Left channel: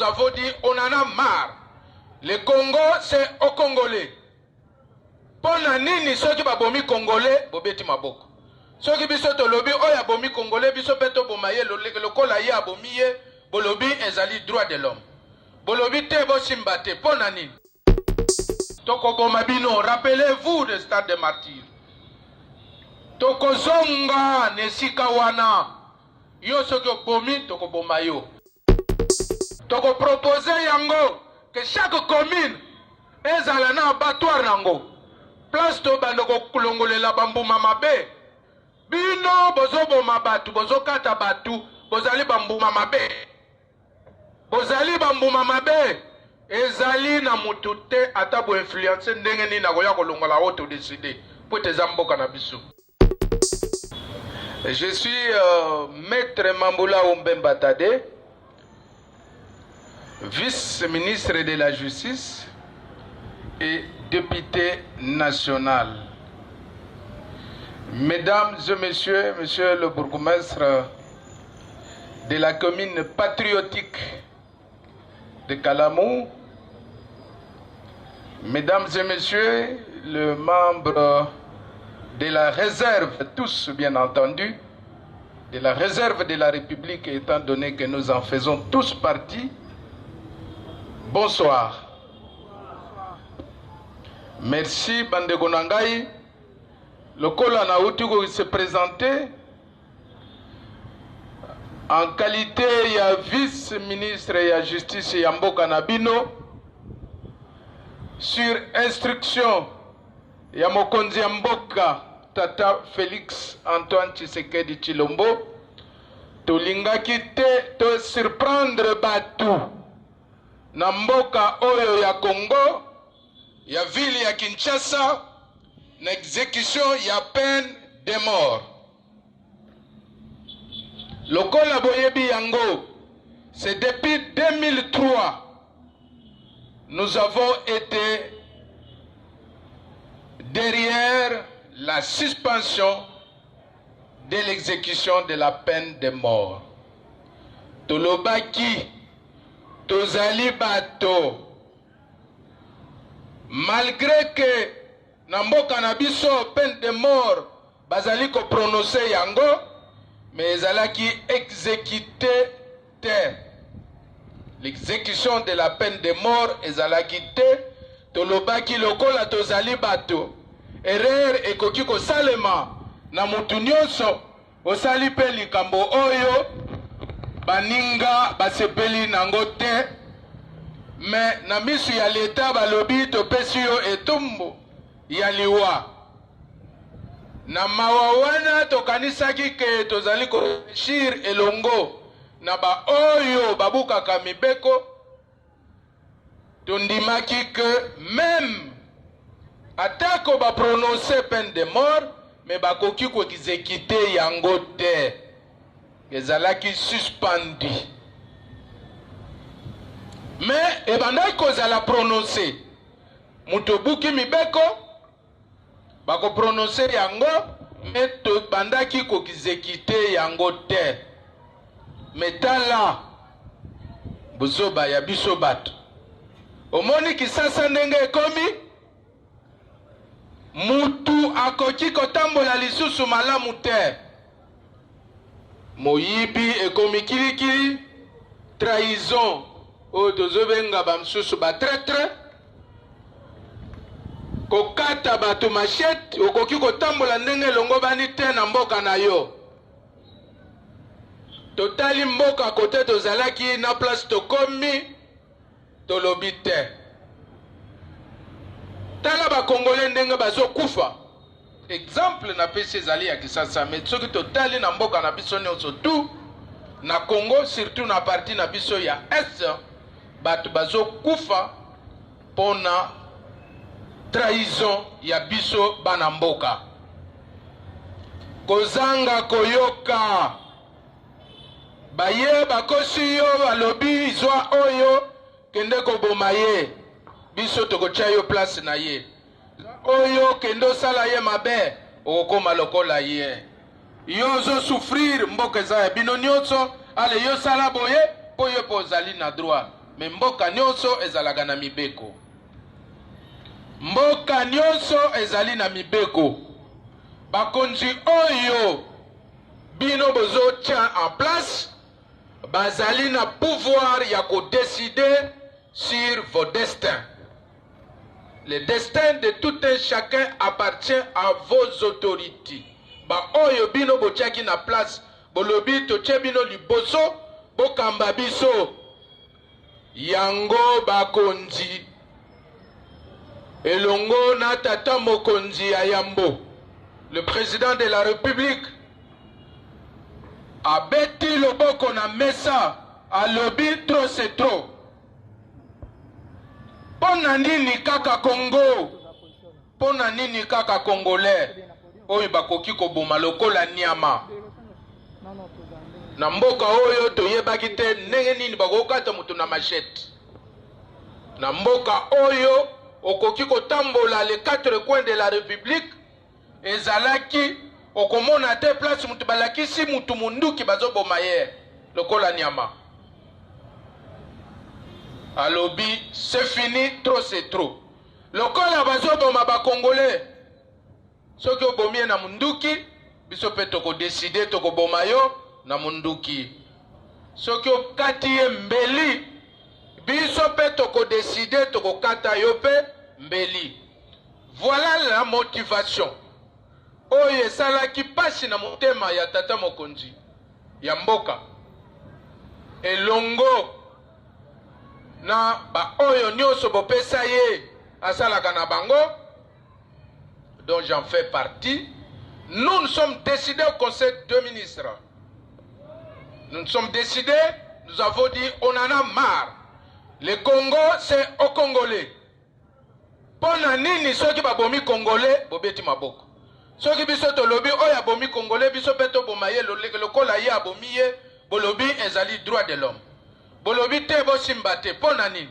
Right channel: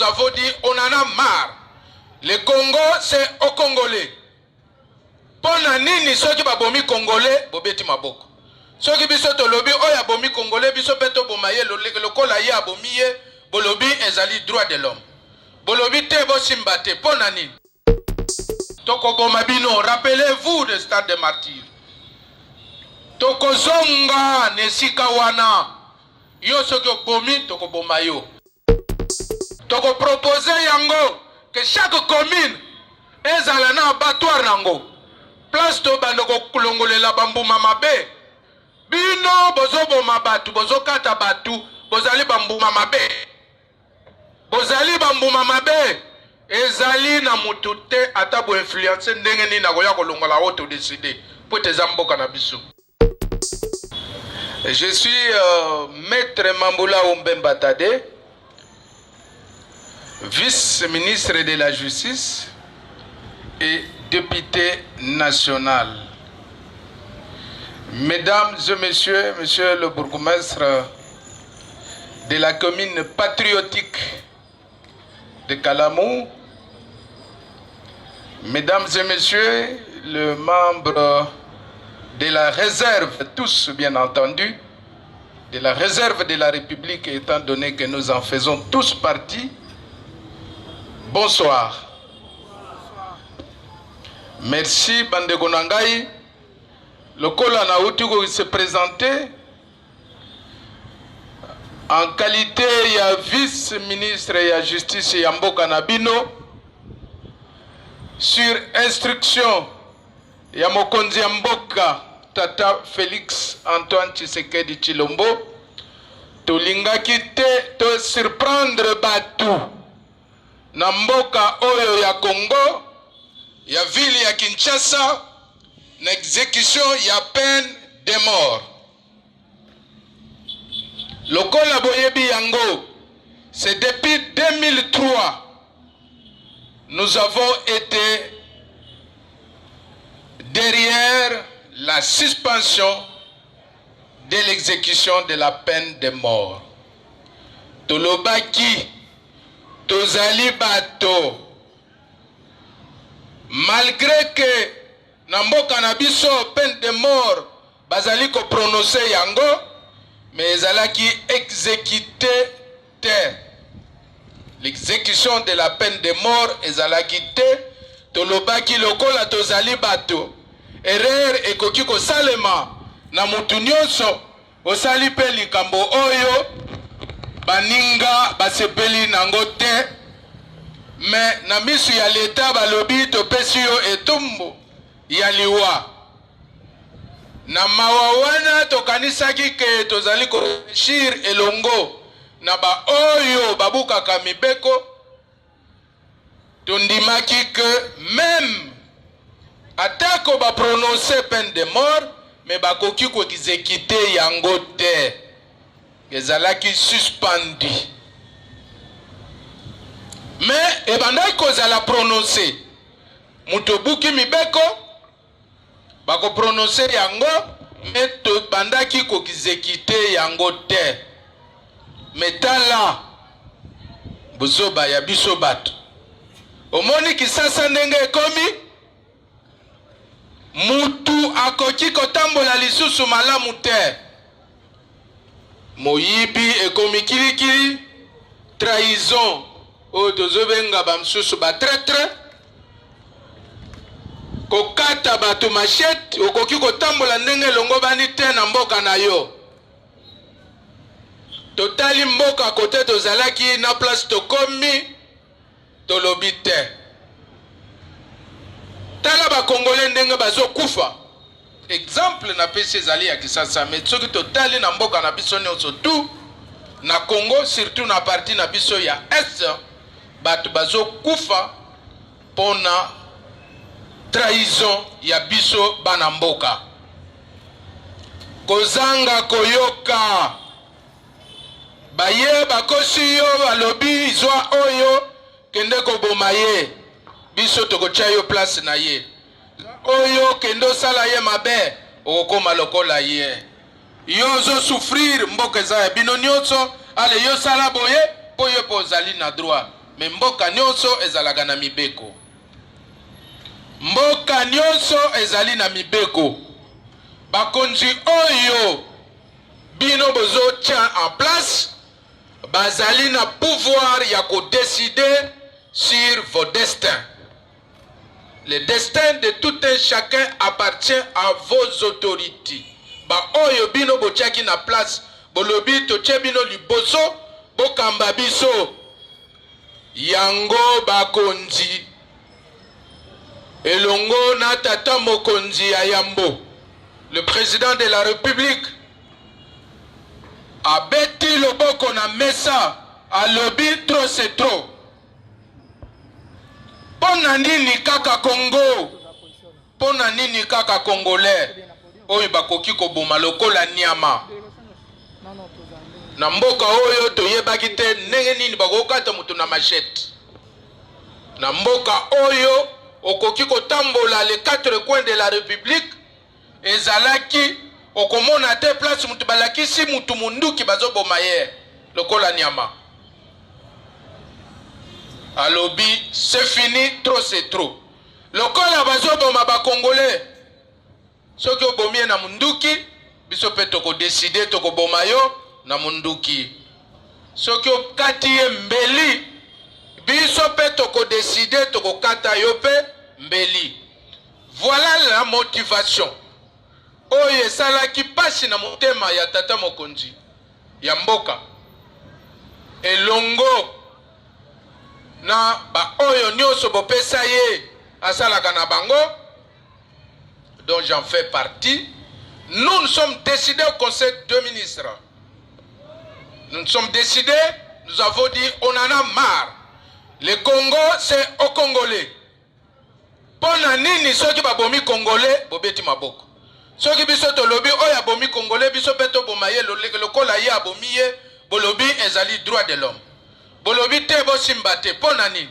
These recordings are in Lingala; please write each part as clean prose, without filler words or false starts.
nous avons dit on en a marre. Le Congo, c'est aux Congolais. Pona nini soki babomi Congolais, bobeti maboko. Soki biso to lobi oya bomi Congolais, biso peto bomaye lokola ye abomi ye, bolobi ezali droit de l'homme. Bolobi te bo simbate, pona nini. Toko bomabino, rappelez-vous de stade de martyrs. Toko zonga nesika wana. Yo soki bomi toko bomayo. Toko proposer yango que chaque commune ezala na abattoir nango. Place to bandoko kulongolela bambuma mabe. Bino bozo boma batu, bozo kata batu, bozali bambuma mabe. Bozali bambuma mabe. Ezali na mutute atabo influence ndenge ni na koya kolongola auto décider. Pour tes amboka na biso. Je suis maître Mamboula Ombemba Tade, vice-ministre de la Justice et député national. Mesdames et messieurs, monsieur le bourgmestre de la commune patriotique de Kalamou, mesdames et messieurs, les membres de la réserve, tous bien entendu, de la réserve de la République, étant donné que nous en faisons tous partie, bonsoir. Merci, Bandeko Nangai. Le Kola Naoutugo se présentait en qualité de vice-ministre de la Justice et Mboka Nabino sur instruction de Mokonzi Mboka Tata Félix Antoine Tshisekedi Tshilombo. Tolingaki te to surprendre batu na mboka oyo ya Congo, ya ville ya Kinshasa, na exécution ya peine de mort. Lokola boyebi yango, c'est depuis 2003 nous avons été derrière la suspension de l'exécution de la peine de mort. Tolobaki, tozali bato. Malgré que Namboka Nabiso peine de mort, bazali ko prononcer yango, mais ezalaki exécuté te. L'exécution de la peine de mort ezalaki te. Tolobaki lokola tozali bato. Erreur ekoki ko salema na mutu nyonso osali pe likambo oyo baninga basepeli nango te, mais na misu ya leta balobi topesi yo etumbu ya liwa. Na mawa wana tokanisaki ke tozali koreshir elongo na ba oyo babukaka mibeko, tondimaki ke même atako ba prononcer peine de mort, mais bakoki ko exécuter yango te. Ezalaki suspendi. Mais ebandaki kozala prononcer mutobuki mibeko bako prononcer yango, mais to bandaki ko exécuter yango te. Metala bozoba ya biso bato. Omoni kisasa ndenge ekomi, mutu akoki kotambola lisusu malamu te. Moyibi ekomi kilikili, trahison o tozobenga bamsusu ba traître, kokata bato machette, okoki kotambola ndenge longo bani te na mboka na yo. Totali mboka kote tozalaki na place tokomi tolobi te. Tala ba Congolais ndenge bazo kufa. Exemple na pesi ezali ya Kisasa, mais soki totali na mboka na biso nyonso tu na Congo, surtout na partie na biso ya Est, bato bazo kufa pona trahison ya biso bana mboka. Kozanga koyoka baye bakosi yo balobi zwa oyo kende koboma ye, biso tokotia yo place na ye. Oyo kendo sala ye mabe okoma lokola ye. Yo zo souffrir mboka za bino nyonso, ale yo sala boye po yo pozali na droit. me mboka nyonso ezalaka na mibeko. Mboka nyonso ezali na mibeko. Bakonzi oyo bino bozo tient en place bazali na pouvoir ya ko décider sur vos destins. Le destin de tout un chacun appartient à vos autorités. Ba oyo bino botiaki na place bolobi totie bino liboso bokamba biso yango bakonzi elongo na tata mokonzi ya Yambo, le président de la République abeti loboko na mesa alobi trop c'est trop. Pona nini kaka Congo, pona nini kaka Congolais oyo bakoki koboma lokola nyama na mboka oyo toyebaki te ndenge nini bakokata mutu na machette. Na mboka oyo okoki kotambola les quatre coins de la République ezalaki okomona te place mutu balakisi mutu munduki bazoboma ye lokola nyama. Alobi c'est fini, trop c'est trop. Lokola bazoboma ba Congolais soki obomie na munduki biso pe toko décider toko boma yo na munduki. Soki okati ye mbeli biso pe toko décider toko kata yo pe mbeli. Voilà la motivation oyo esalaki pasi na motema ya tata mokonzi ya mboka elongo na ba oyo nyonso bopesa ye asalaka na bango, dont j'en fais partie. Nous nous sommes décidés au conseil de ministres. Nous nous sommes décidés, nous avons dit on en a marre. Le Congo c'est au Congolais. Pona nini soki babomi Congolais bobeti maboko. Soki biso to lobi oya bomi Congolais biso peto bomaye lokola ye abomi ye bolobi ezali droit de l'homme. Bolobi te bo simbate pona nini.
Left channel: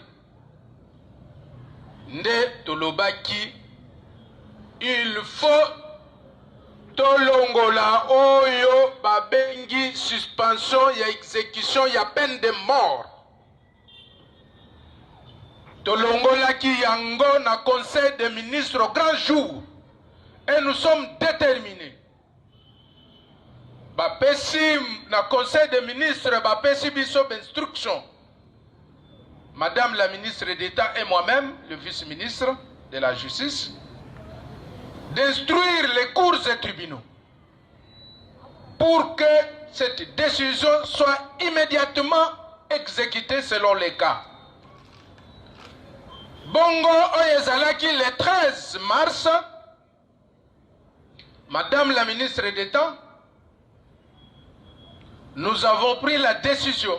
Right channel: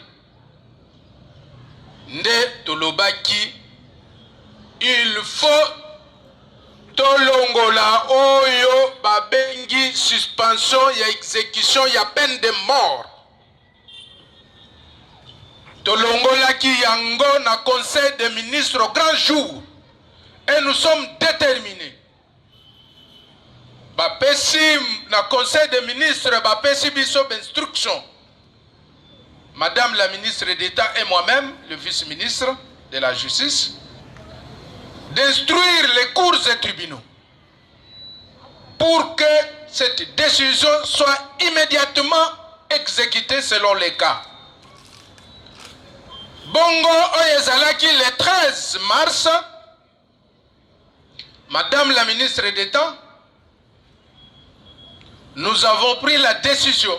Nde tolobaki il faut tolongola oyo babengi suspension ya exécution ya peine de mort. Tolongolaki yango na conseil des ministres au grand jour et nous sommes déterminés. Bapesi na conseil des ministres bapesi biso instruction. Madame la ministre d'État et moi-même, le vice-ministre de la Justice, d'instruire les cours et tribunaux pour que cette décision soit immédiatement exécutée selon les cas. Bongo Oyezalaki le 13 mars, Madame la ministre d'État, nous avons pris la décision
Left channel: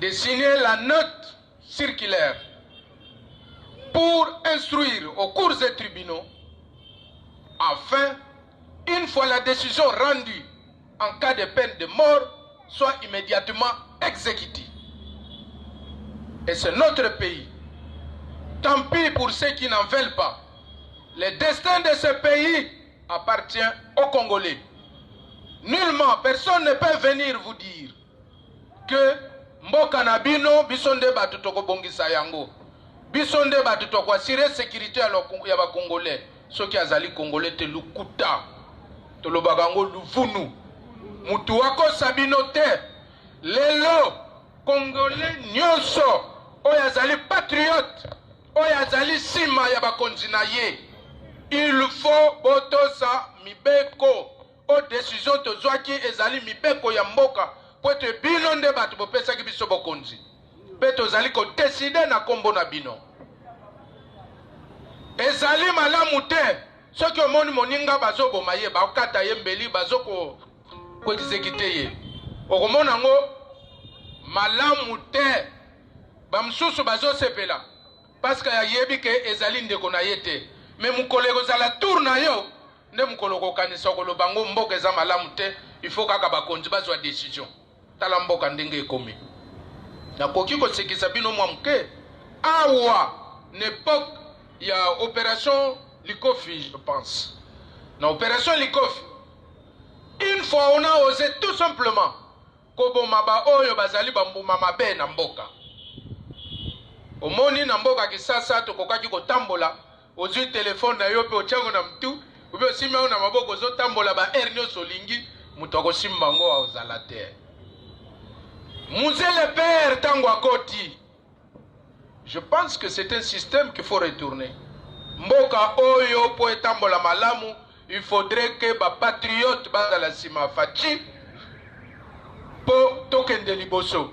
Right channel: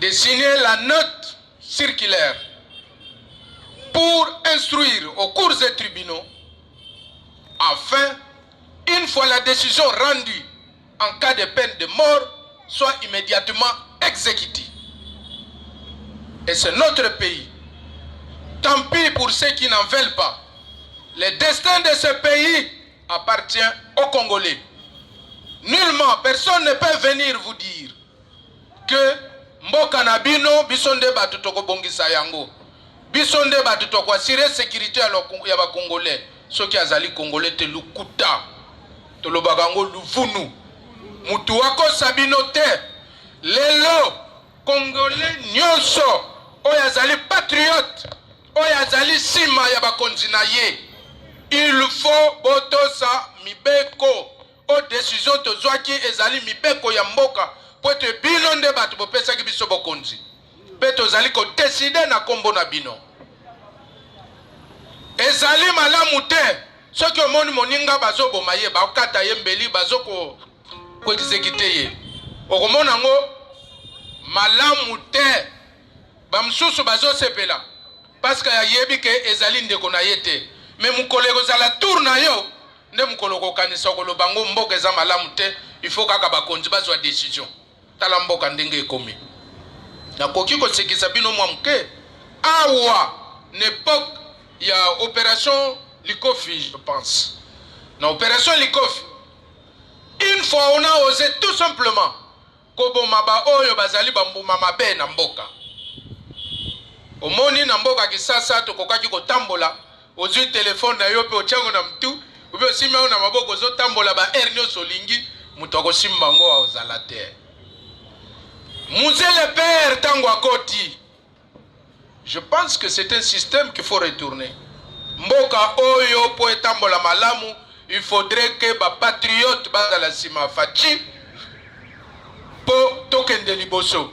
de signer la note circulaire pour instruire aux cours et tribunaux afin, une fois la décision rendue en cas de peine de mort, soit immédiatement exécutée. Et c'est notre pays. Tant pis pour ceux qui n'en veulent pas. Le destin de ce pays appartient aux Congolais. Nullement, personne ne peut venir vous dire que Mboka na bino bisonde batu toko bongisa yango. Bisonde batu toko assurer sécurité ya ba Congolais. Soki azali Congolais te lukuta. Tolobaka ngo luvunu. Mutu wako sabino te. Lelo Congolais nyonso oyo azali patriote, oyo azali sima ya bakonzi na ye. Il faut botosa mibeko o décision tozwaki ezali mibeko ya mboka po te bino nde bato bopesaki biso bokonzi. Pe tozali ko décider na kombo na bino. Ezali malamu te soki omoni moninga bazoboma ye bakata ye mbeli bazoko ko exécuter ye. Okomona ngo malamu te bamsusu bazosepela parce que yebi ke ezali ndeko na ye te. Mais mukoleko zala tour na yo nde mukoloko kanisa koloba ngo mboka eza malamu te, il faut kaka bakonzi bazwa décision. Tala mboka ndenge ekomi. Nakoki kosekisa bino mwa mke awa n'époque ya opération Likofi, je pense. Na opération Likofi, une fois on a osé tout simplement koboma ba oyo bazali bambuma mabe na mboka. Omoni na mboka kisasa tokokaki kotambola ozwi telefone na yo pe ochango na mtu ube osimba na maboko ozotambola ba air nyonso olingi mutu akosimba ngo aozala te. Musée le père tango akoti. Je pense que c'est un système qu'il faut retourner. Mboka oyo po etambola malamu, il faudrait que ba patriote bazala sima fachi po tokende liboso.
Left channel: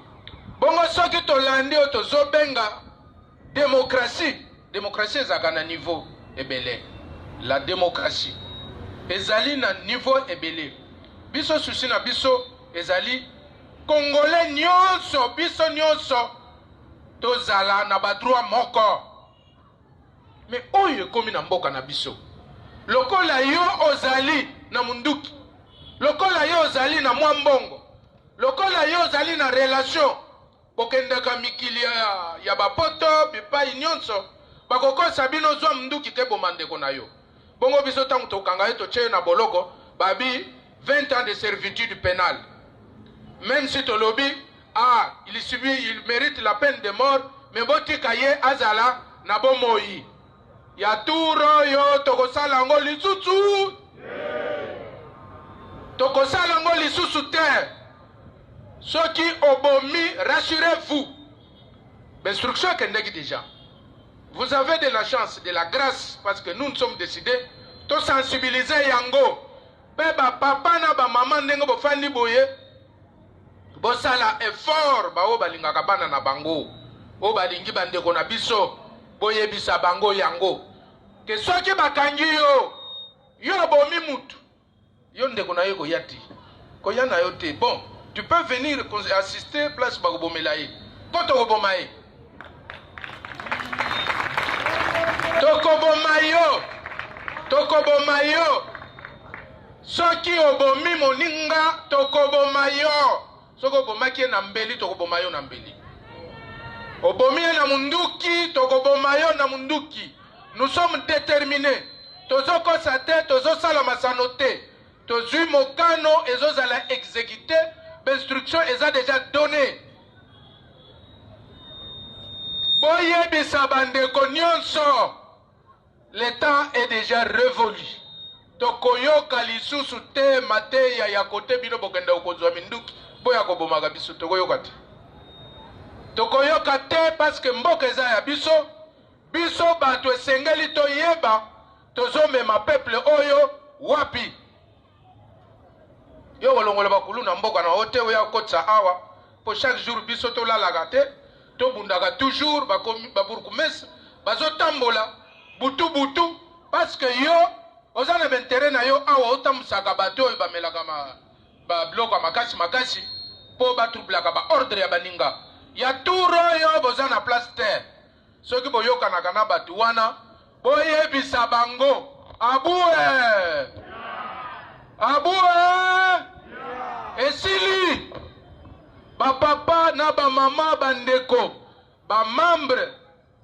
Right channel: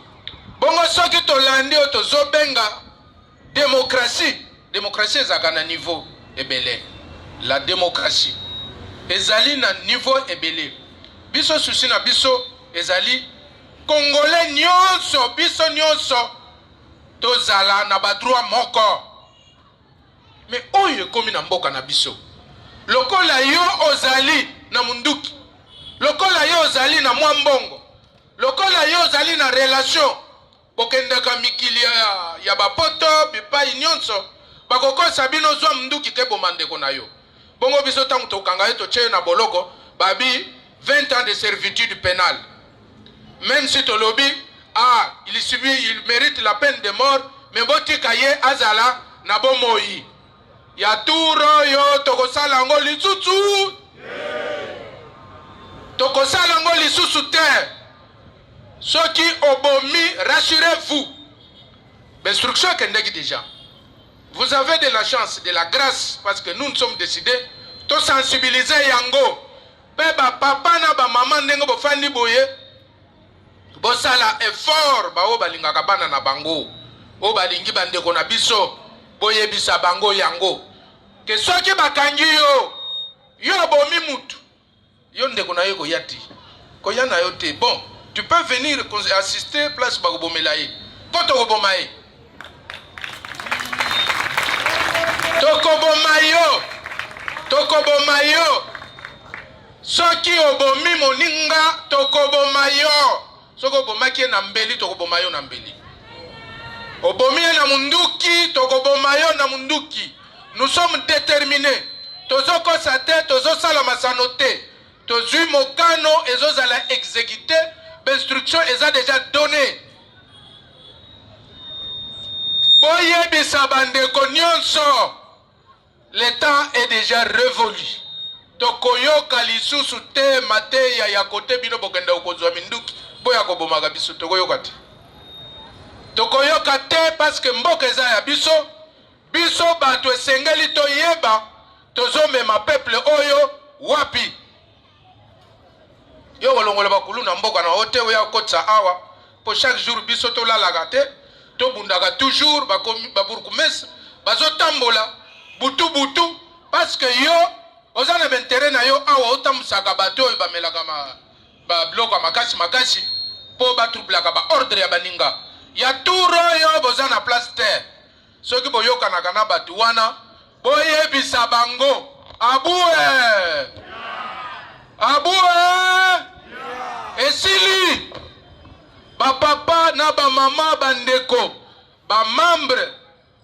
Bongo soki tolandi otozobenga démocratie. Démocratie ezaka na niveau ebele. La démocratie ezali na niveau ebele. Biso susi na biso ezali Congolais nyonso, biso nyonso tozala na ba droit moko. Mais oyo ekomi na mboka na biso. Lokola yo ozali na munduki. Lokola yo ozali na mwambongo. Lokola yo ozali na relation. Bokendaka mikili ya bapoto, bipai nyonso. Bakokosa bino zwa munduki ke bomandeko na yo. Bongo biso tangu tokanga eto che na boloko, babi 20 ans de servitude pénale. Même si tolobi, il mérite la peine de mort, mais boti kaye azala na bomoi. Ya turo yo tokosala ngo lisusu. Tokosala ngo lisusu te. Soki obomi, rassurez-vous. L'instruction kendeki déjà. Vous avez de la chance, de la grâce, parce que nous sommes décidés de sensibiliser yango. Beba papa na ba maman ndenge bo fandi boye. Bosala effort ba o balingaka bana na bango. O balingi bandeko na biso boye bisa bango yango. Que soki bakangi yo bomi mutu. Yo ndeko na yo ko yati. Ko yana yo te. Bon, tu peux venir assister place ba bomelaye. Koto ko bomaye. Tokobomayo. Soki obomi moninga tokobomayo. Soko bomaki na mbeli tokobomayo na mbeli. Obomi na munduki tokobomayo na munduki. Nous sommes déterminés. Tozoko sate tozo sala masanote. Tozui mokano ezozala exécuté. L'instruction est déjà donnée. Boye bisabande konyonso. Le temps est déjà révolu. Tokoyoka lisusu te mate ya kote bino bokenda okozwa minduki boya kobomaka biso tokoyoka te. Tokoyoka te parce que mboka eza ya biso bato esengeli toyeba tozomema peuple oyo wapi. Yo kolongola bakulu na mboka na ote oya kotsa awa po chaque jour biso tolalaka te tobundaka toujours baburkumesi bazotambola butu parce que yo ozana bentere na yo awa otamusaka bato oyo bamelaka ba bloka makasi po batroublaka ba ordre ya baninga ya turo yo bozana place terre soki boyokanaka na bato wana boyebisa bango abue esili bapapa na bamama bandeko bamembre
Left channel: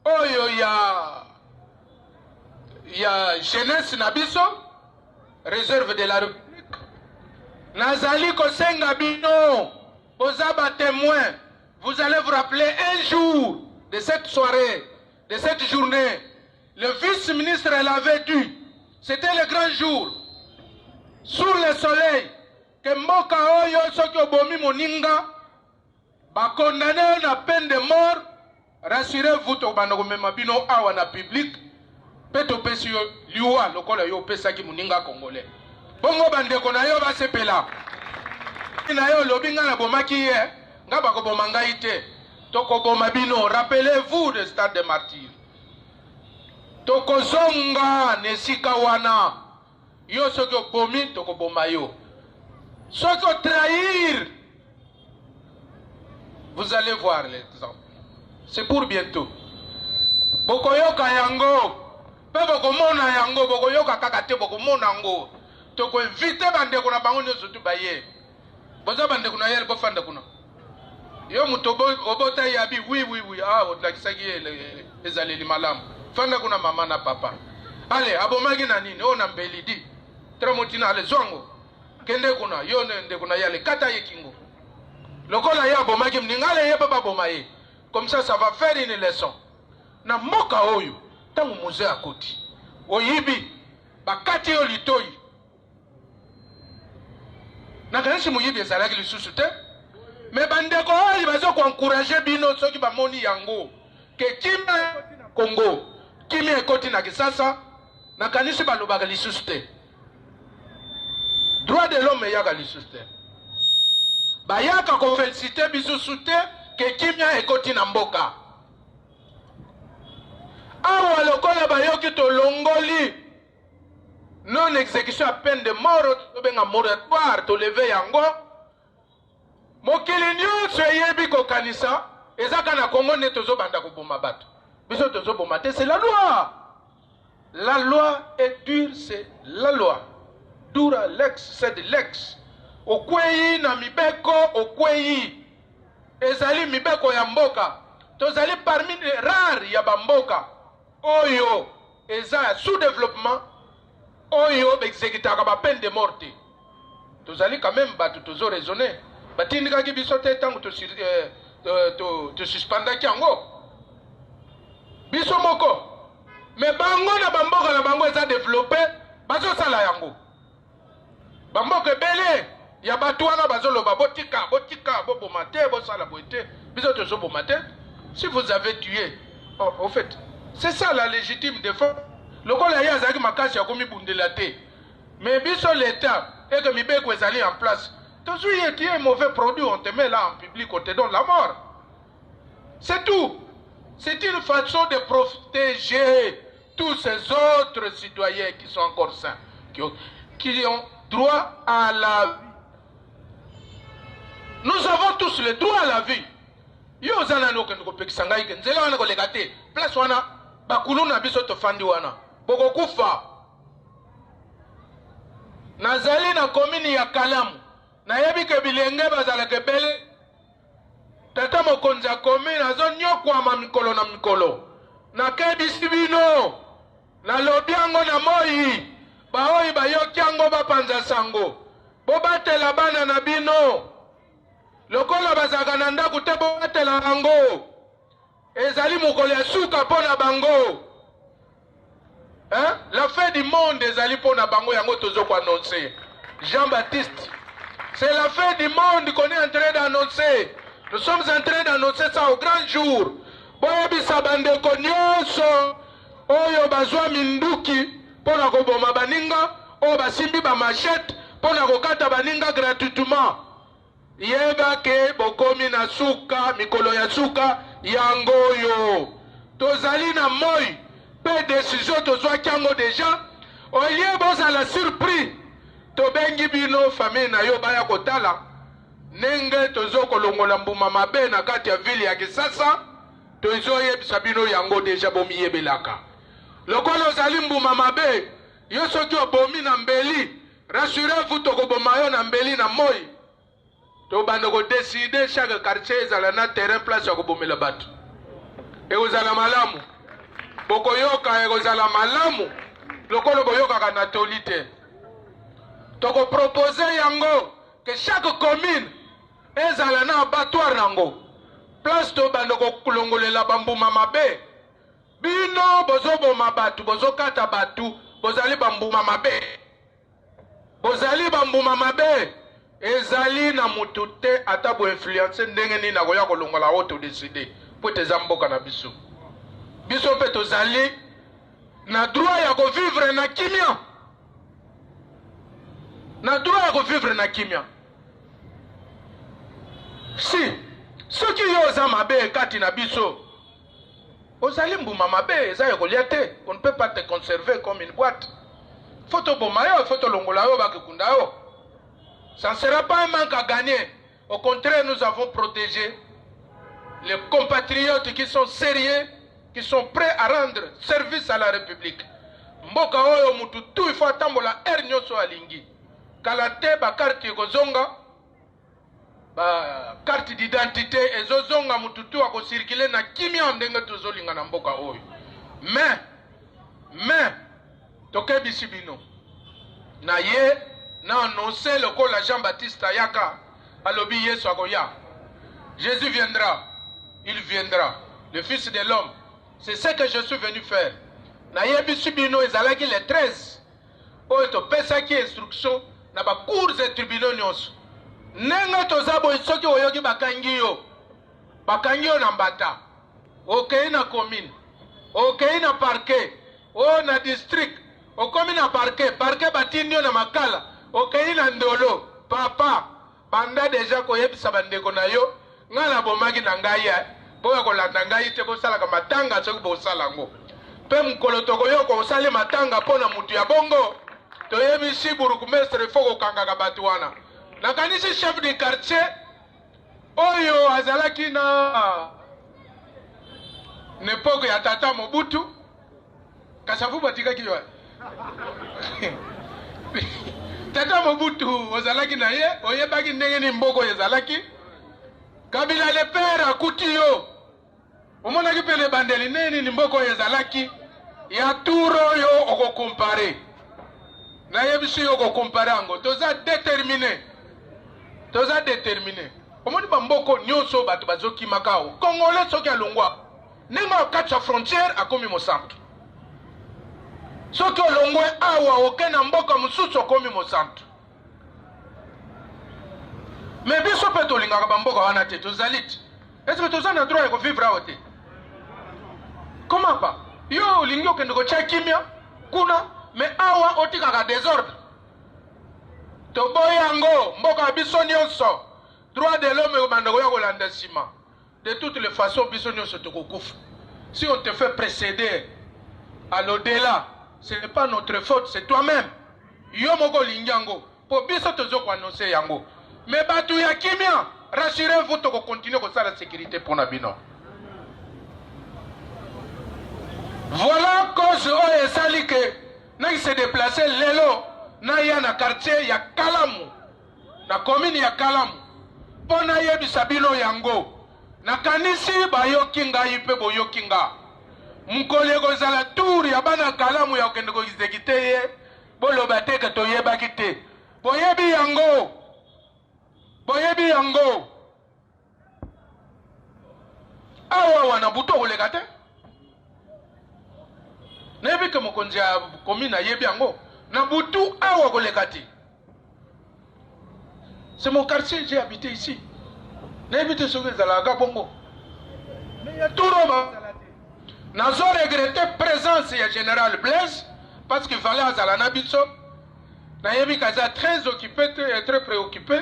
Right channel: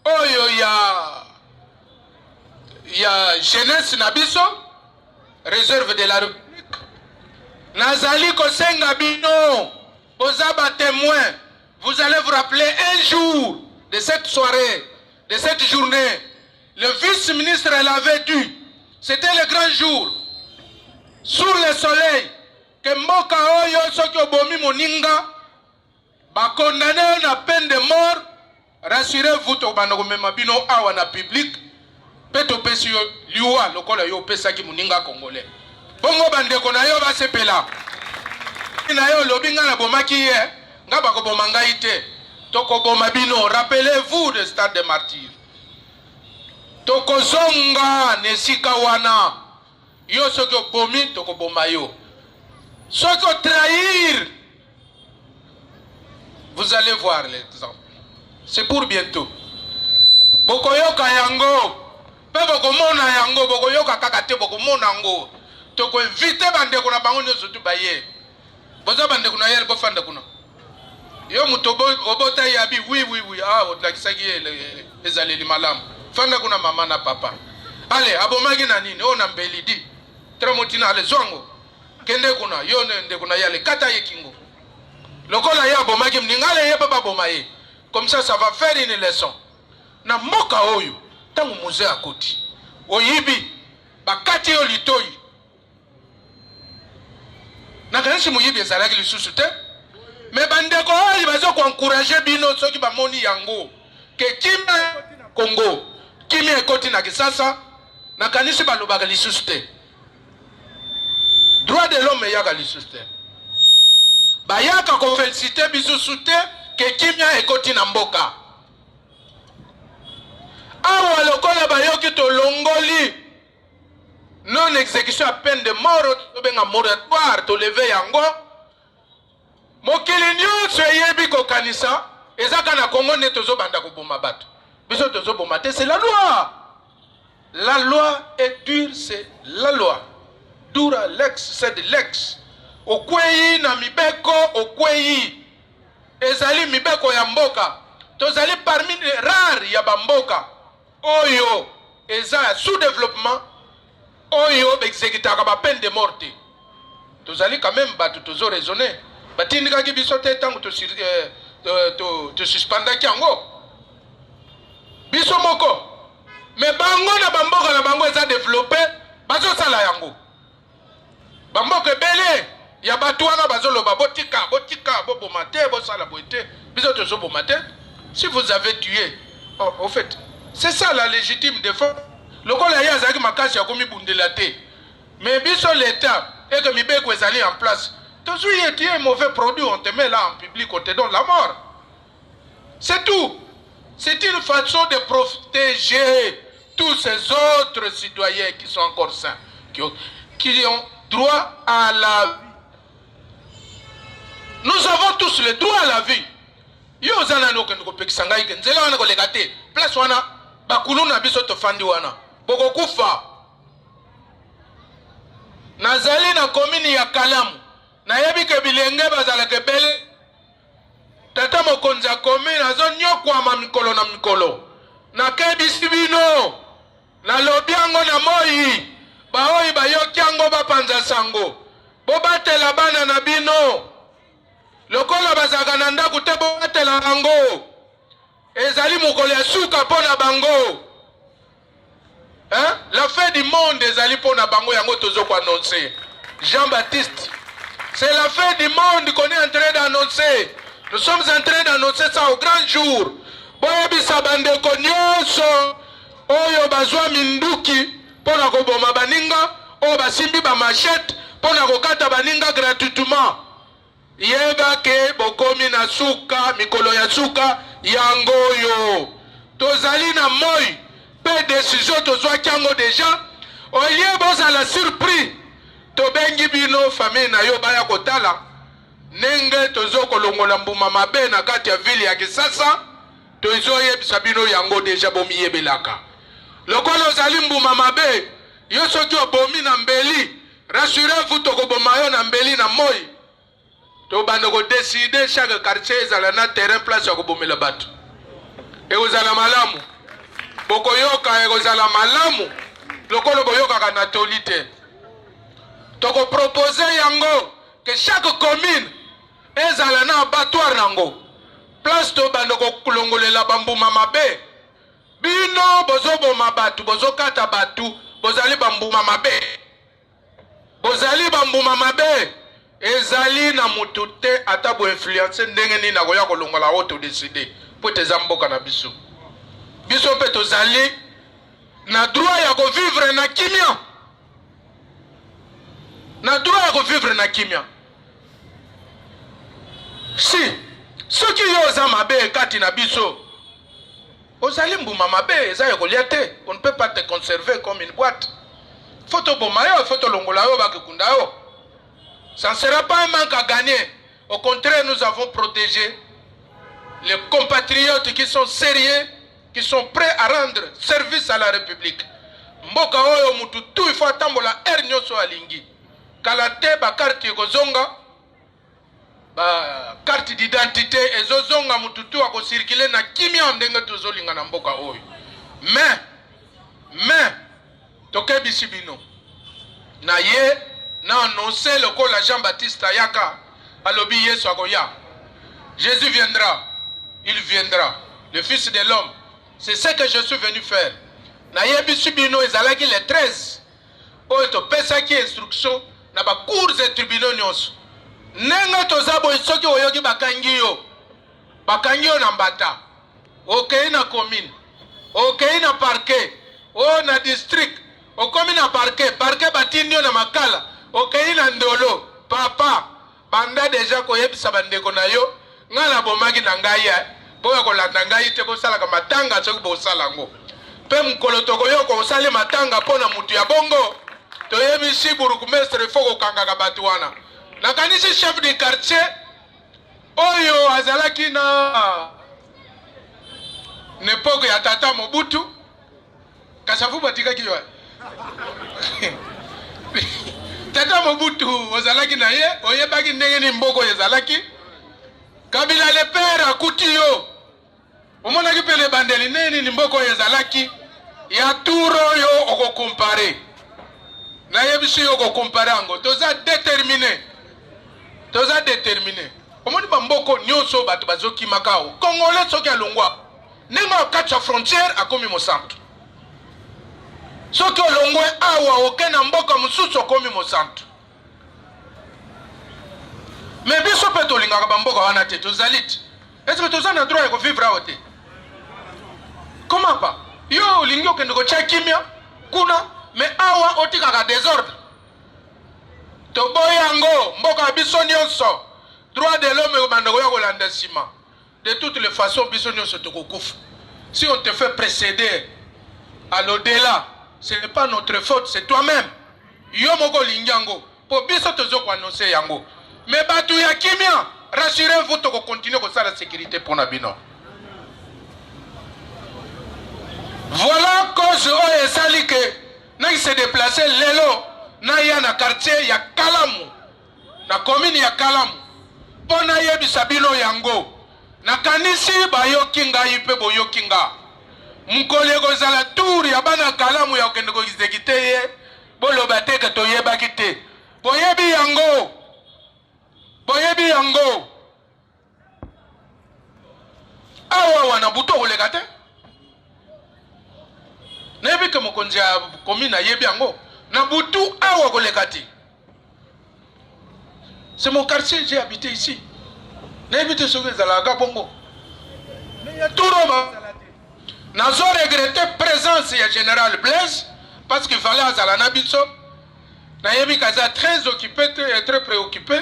oyo ya jeunesse na biso réserve de la République nazali kosenga bino boza ba témoin. Vous allez vous rappeler un jour de cette soirée, de cette journée. Le vice-ministre l'avait dit. C'était le grand jour. Sur le soleil, que mboka oyo soki obomi moninga ba condamné na peine de mort. Rassurez-vous to banoko mema bino awa na public. Peto pesi yo liwa lokola yo pesa ki moninga congolais. Bongo bandeko na yo ba sepela. Na yo lobinga na bomaki ye. Ngaba ko bomanga ite. Toko bomabino, rappelez-vous de stade de martyrs. Toko zonga nesika wana. Yo soko bomi toko bomayo. Soko trahir. Vous allez voir l'exemple. C'est pour bientôt. Bokoyoka yango. Pe bokomona yango bokoyoka kakate bokomona yango. Toko invite bandeko na bango nyoso tu baye. Boza bandeko na yel bofanda kuna. Yo mutobo obota yabi oui otlakisaki ezaleli malamu. Fanda kuna mama na papa. Ale abomaki na nini? O na mbelidi. Tramotina ale zongo. Kende kuna yo nde kuna yale kata yekingo. lokola ya bomaki mningale ye papa bomaye. Comme ça va faire une leçon. Na mboka oyo tangu muze akoti oyibi bakati yo litoi na kanisi muyibi ezalaki lisusu te me bandeko oyo bazo encourager bino soki bamoni yango ke kimia ekoti na Congo kimia ekoti na Kisasa na kanisi balobaka lisusu te droit de l'homme eyaka lisusu te bayaka kofelicite bisusu te ke kimia ekoti na mboka awa lokola bayoki to longoli non exécution à peine de mort to benga moratoire to lever yango mokili nyonso eyebi kokanisa ezaka na Congo ne tozobanda koboma bato biso tozoboma te c'est la loi est dure, c'est la loi dura lex c'est de lex okweyi na mibeko okweyi ezali mibeko ya mboka tozali parmi les rares ya bamboka oyo eza sous-développement oyo exécutaka ba peine de mort tozali quand même bato tozo raisonner batindikaki biso te tango to suspendaki yango biso moko mais bango na bamboka na bango eza développé bazosala yango bamboka ebele ya bato wana bazoloba botika boboma te bosala boye te biso tozoboma te si vous avez tué au fait c'est ça la légitime défense. Le col a yazaki makasi ya komi bundela te. Mais biso l'état et que mibeko ezali en place. Toujours tu es un mauvais produit, on te met là en public, on te donne la mort. C'est tout. C'est une façon de protéger tous ces autres citoyens qui sont encore sains, qui ont droit à la vie. Nous avons tous le droit à la vie. Yo zana no kendo kopekisanga ike nzela wana koleka te. Place wana bakulu na biso tofandi wana boko kufa nazali na komini ya Kalamu na yebi ke bilenge bazala kebele tata mokonzi ya komini azo nyokwama mikolo na mikolo na kebisi bino na lobiango na moi baoyi bayoki yango bapanza sango bobatela bana na bino lokola bazaka na ndako te bobatela bango ezali mokolo ya suka pona bango hein? La fin du monde ezali pona bango yango tozo ko annoncer Jean-Baptiste c'est la fin du monde qu'on est en train d'annoncer nous sommes en train d'annoncer ça au grand jour boyebisa bandeko nyonso oyo bazwa minduki pona koboma baninga oyo basimbi ba machette pona kokata baninga gratuitement yeba ke bokomi na suka mikolo ya suka yango yo tozali na moi pe décision tozwaki yango déjà olie bozala surpris tobengi bino famille na yo baya kotala nenge tozokolongola mbuma mabe na kati ya ville ya Kisasa tozoyebisa bino yango déjà bomiyebelaka lokola ozali mbuma mabe yo soki obomi na mbeli rassurez-vous tokoboma yo na mbeli na moi tobanda ko décider chaque quartier ezala na terrain place ya kobomela bato ekozala malamu bokoyoka ekozala malamu lokolo boyoka na tolite toko proposer yango que chaque commune ezala na abattoir nango place to banda ko kulongolela bambuma mabe bino bozoboma batu bozokata batu bozali bambuma mabe ezali na mutu te ata bo influencer ndenge nini na koya kolongola auto décider po teza mboka na biso biso pe tozali na droit ya ko vivre na kimia si soki yo za mabe kati na biso ozali mbuma mabe eza ya kolia te on ne peut pas te conserver comme une boîte photo bomayo photo longola yo bakikunda yo. Ça ne sera pas un manque à gagner. Au contraire, nous avons protégé les compatriotes qui sont sérieux, qui sont prêts à rendre service à la République. Mboka oyo mututu il faut attendre la ernyo so alingi. Kalate ba carte ekozonga, ba carte d'identité ezozonga mututu ako circuler na kimia ndenge tozolinga na mboka oyo. Mais tokebisi bino. Na ye na annoncé le col Jean-Baptiste Ayaka alobi yesu akoya Jésus viendra. Il viendra. Le Fils de l'homme. C'est ce que je suis venu faire. Nayebi subino ezalaki les 13. Oyo topesaki instruction na ba cours et tribunaux nyonso. Nenga tozabo soki oyoki bakangi yo. Bakangi yo na mbata. Okei na commune. Okei na parquet. O na district. Okomi na parquet. Parquet batindi yo na makala. Okei na ndolo. Papa. Banda deja koyebisa bandeko na yo. Nga na bomaki na ngai ya. Boya kolanda ngai te bosalaka matanga soki bosala ngo. Pe mukolo tokoyoko osali matanga pona mutu ya bongo. Toyebi si burugumestre foko kangaka batu wana. Nakanisi chef de quartier oyo azalaki na n'époque ya tata Mobutu. Kasavu batikaki yo. Tata Mobutu ozalaki na ye, oyebaki ndenge ni mboko ezalaki. Kabila le père akuti yo. Omonaki pele bandeli neni ni mboko ezalaki. Ya turo yo oko compare. Na yebisi yo oko compare ango. Toza déterminé. Toza déterminé. Omoni bamboko nyonso batu bazoki makao. Congolais soki alongwa. Nenga okacha frontière akomi mosantu. Soki olongwe awa okena mboka mususu akomi mosantu. Mais biso pe tolingaka bamboka wana te tozalit. Est-ce que toza na droit ya vivre awa te? Comment pas? Yo olingi okende kotia kimia kuna mais awa otikaka désordre. Toboya yango mboka biso nyonso. Droit de l'homme bandako ya kolanda sima. De toutes les façons biso nyonso tokokufa. Si on te fait précéder à l'au-delà, ce n'est pas notre faute, c'est toi-même. Yo moko olingi yango. Po biso tozo ko annoncer yango. Mais batu ya kimia, rassurez-vous toko continuer ko sala sécurité pour Nabino. Voilà cause oyo esali ke na se déplacer lelo na ya na quartier ya Kalamu na commune ya Kalamu pona yebisa bino yango na kanisi bayoki ngai pe boyoki nga mukole kozala tour ya bana Kalamu ya okende ko exécuter ye boloba te ke toyebaki te boyebi yango awa wana buto koleka te. Nebi ke mokonzi ya commune yebi yango na butu awa kolekati. C'est mon quartier, j'ai habité ici. Nebi te soki ezalaka bongo. Mais ya turoma. Nazo regretter présence ya général Blaise parce qu'il fallait azala na biso. Na yebi kaza très occupé et très préoccupé.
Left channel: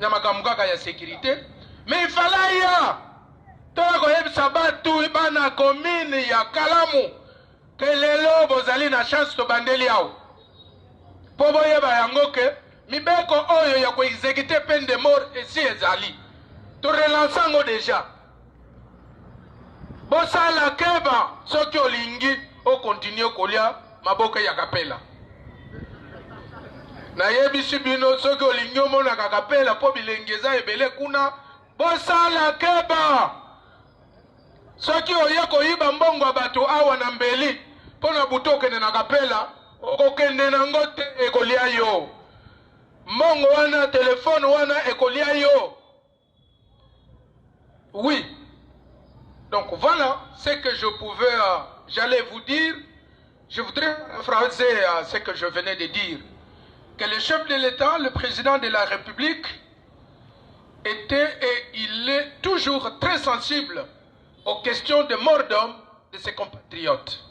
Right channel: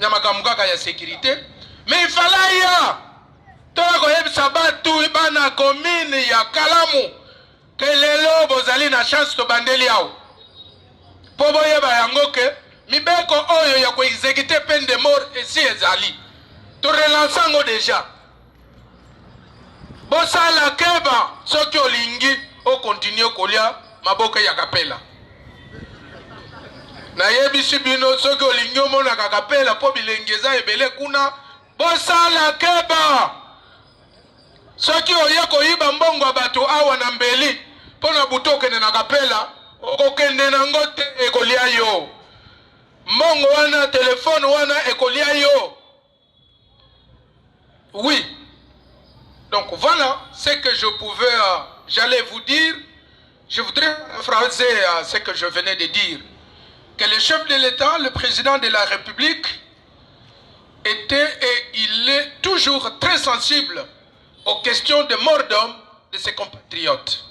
Na makambo kaka ya sécurité. Mais il fallait ya. Tola ko yebisa batu bana commune ya Kalamu. Que lelo bozali na chance to bandeli yao. Po boyeba yango ke mibeko oyo ya ko exécuter peine de mort esi ezali. To relancer ngo déjà. Bosala keba soki olingi o continue kolia maboka ya kapela. Na yebisi bino soki olingi omona kapela po bilengeza ebele kuna bosala keba. Soki oye koyiba mbongo bato awa na mbeli pona butoke na kapela okokende na ngote ekolia yo mbongo wana telefone wana ekolia yo. Oui, donc voilà ce que je pouvais j'allais vous dire. Je voudrais phraser ce que je venais de dire, que le chef de l'État, le président de la République était et il est toujours très sensible aux questions de mort d'homme de ses compatriotes.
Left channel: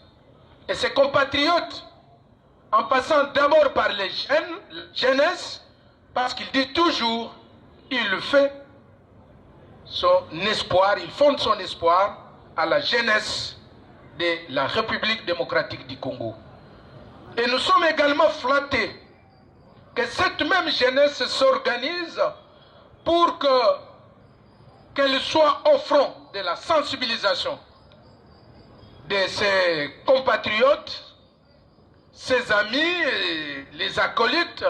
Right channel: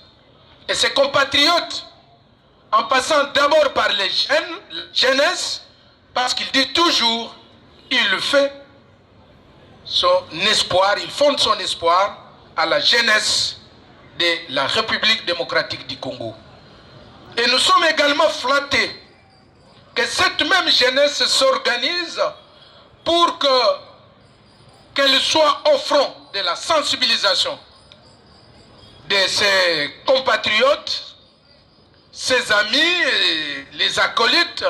Et ses compatriotes, en passant d'abord par les jeunes, la jeunesse, parce qu'il dit toujours, il fait son espoir, il fonde son espoir à la jeunesse de la République démocratique du Congo. Et nous sommes également flattés que cette même jeunesse s'organise pour qu'elle soit au front de la sensibilisation de ses compatriotes, ses amis et les acolytes,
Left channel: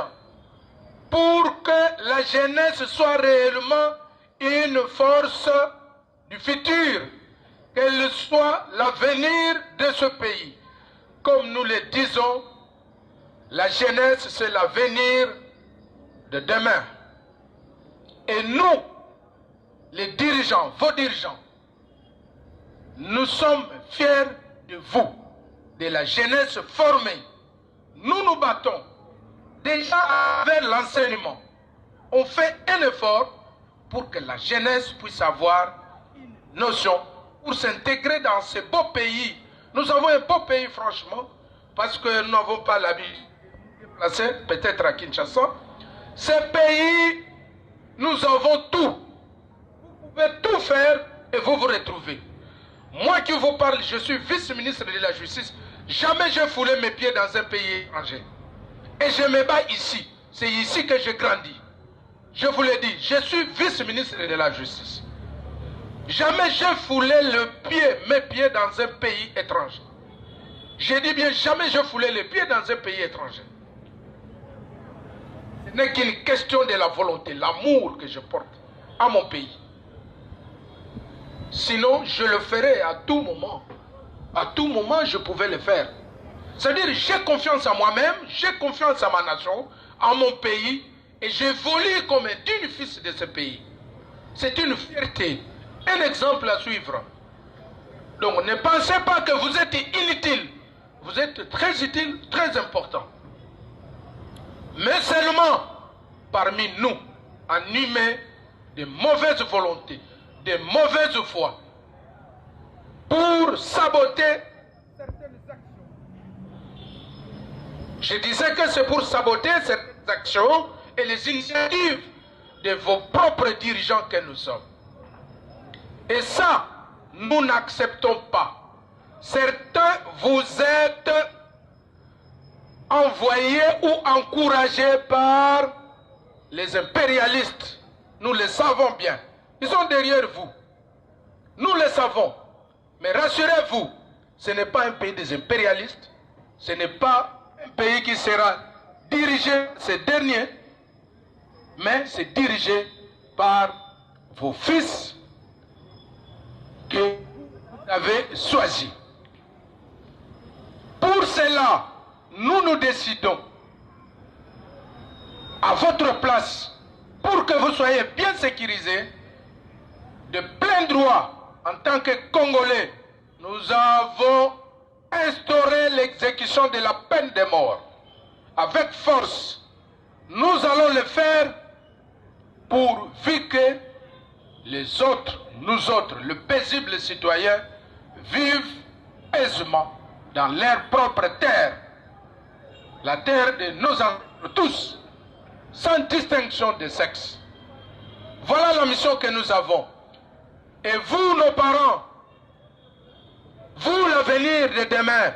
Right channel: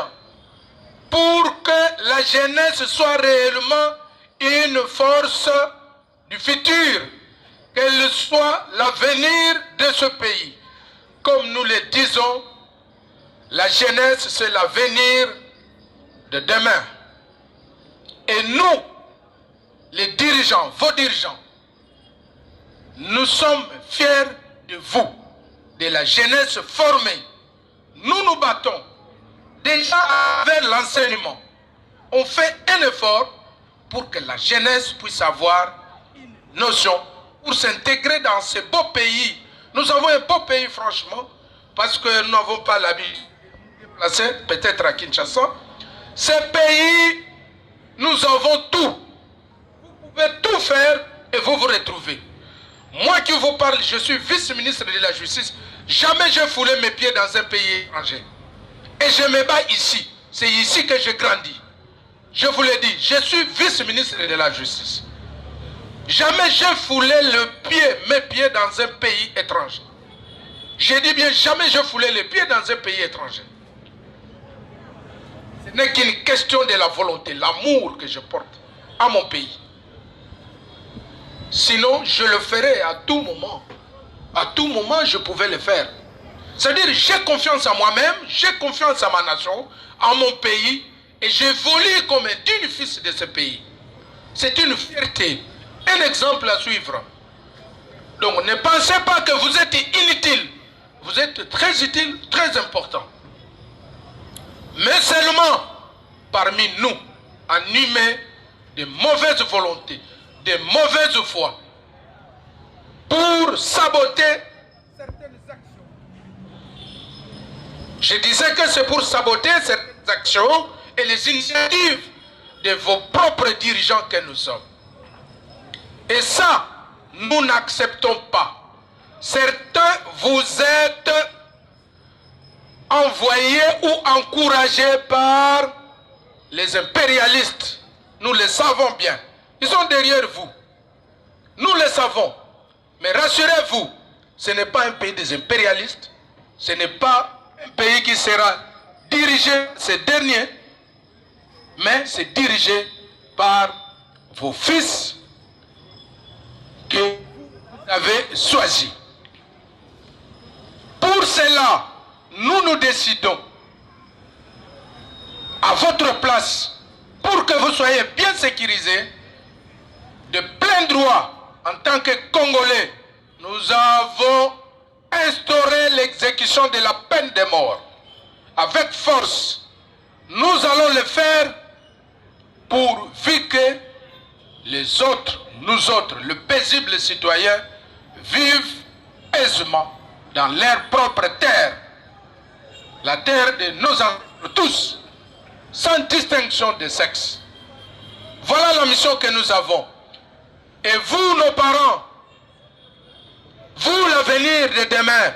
pour que la jeunesse soit réellement une force du futur, qu'elle soit l'avenir de ce pays. Comme nous le disons, la jeunesse c'est l'avenir de demain. Et nous, les dirigeants, vos dirigeants, nous sommes fiers de vous, de la jeunesse formée. Nous nous battons déjà vers l'enseignement. On fait un effort pour que la jeunesse puisse avoir une notion pour s'intégrer dans ce beau pays. Nous avons un beau pays, franchement, parce que nous n'avons pas l'habitude de nous déplacer, peut-être à Kinshasa. Ce pays, nous avons tout. Vous pouvez tout faire et vous vous retrouvez. Moi qui vous parle, je suis vice-ministre de la Justice. Jamais je foulé mes pieds dans un pays étranger. Et je me bats ici. C'est ici que j'ai grandi. Je vous l'ai dit, je suis vice-ministre de la Justice. Jamais j'ai foulé mes pieds dans un pays étranger. Je dis bien, jamais je foulé les pieds dans un pays étranger. Ce n'est qu'une question de la volonté, l'amour que je porte à mon pays. Sinon, je le ferai à tout moment. À tout moment, je pouvais le faire. C'est-à-dire, j'ai confiance en moi-même, j'ai confiance en ma nation, en mon pays, et j'évolue comme un digne fils de ce pays. C'est une fierté, un exemple à suivre. Donc, ne pensez pas que vous êtes inutile. Vous êtes très utile, très important. Mais seulement, parmi nous, animés de mauvaise volonté, de mauvaise foi, pour saboter certaines actions. Je disais que c'est pour saboter certaines actions et les initiatives de vos propres dirigeants que nous sommes. Et ça, nous n'acceptons pas. Certains, vous êtes envoyés ou encouragés par les impérialistes. Nous le savons bien. Ils sont derrière vous. Nous le savons. Mais rassurez-vous, ce n'est pas un pays des impérialistes. Ce n'est pas un pays qui sera dirigé, ces derniers, mais c'est dirigé par vos fils que vous avez choisis. Pour cela, nous décidons à votre place, pour que vous soyez bien sécurisés, de plein droit, en tant que Congolais, nous avons instauré l'exécution de la peine de mort. Avec force, nous allons le faire pourvu que les autres, nous autres, le paisible citoyen, vivent aisément dans leur propre terre, la terre de nos ancêtres tous, sans distinction de sexe. Voilà la mission que nous avons. Et vous, nos parents, vous, l'avenir de demain,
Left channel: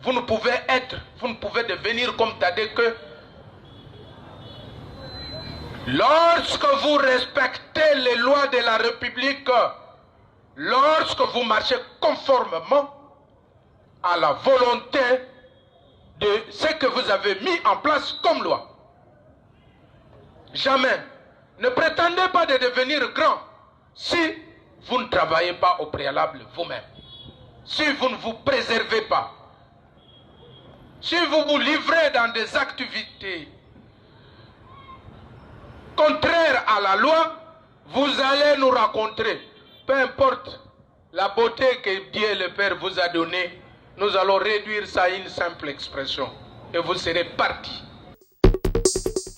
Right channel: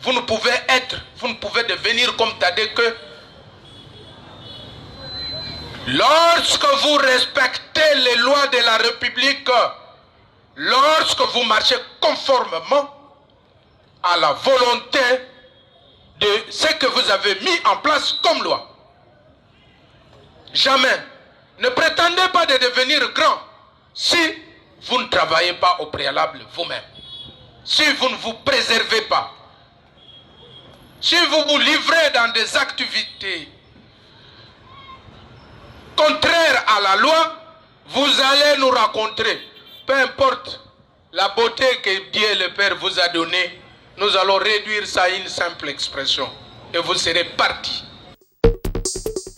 vous ne pouvez devenir comme Tadé que lorsque vous respectez les lois de la République, lorsque vous marchez conformément à la volonté de ce que vous avez mis en place comme loi. Jamais. Ne prétendez pas de devenir grand si vous ne travaillez pas au préalable vous-même. Si vous ne vous préservez pas. Si vous vous livrez dans des activités contraires à la loi, vous allez nous rencontrer. Peu importe la beauté que Dieu le Père vous a donnée, nous allons réduire ça à une simple expression. Et vous serez partis.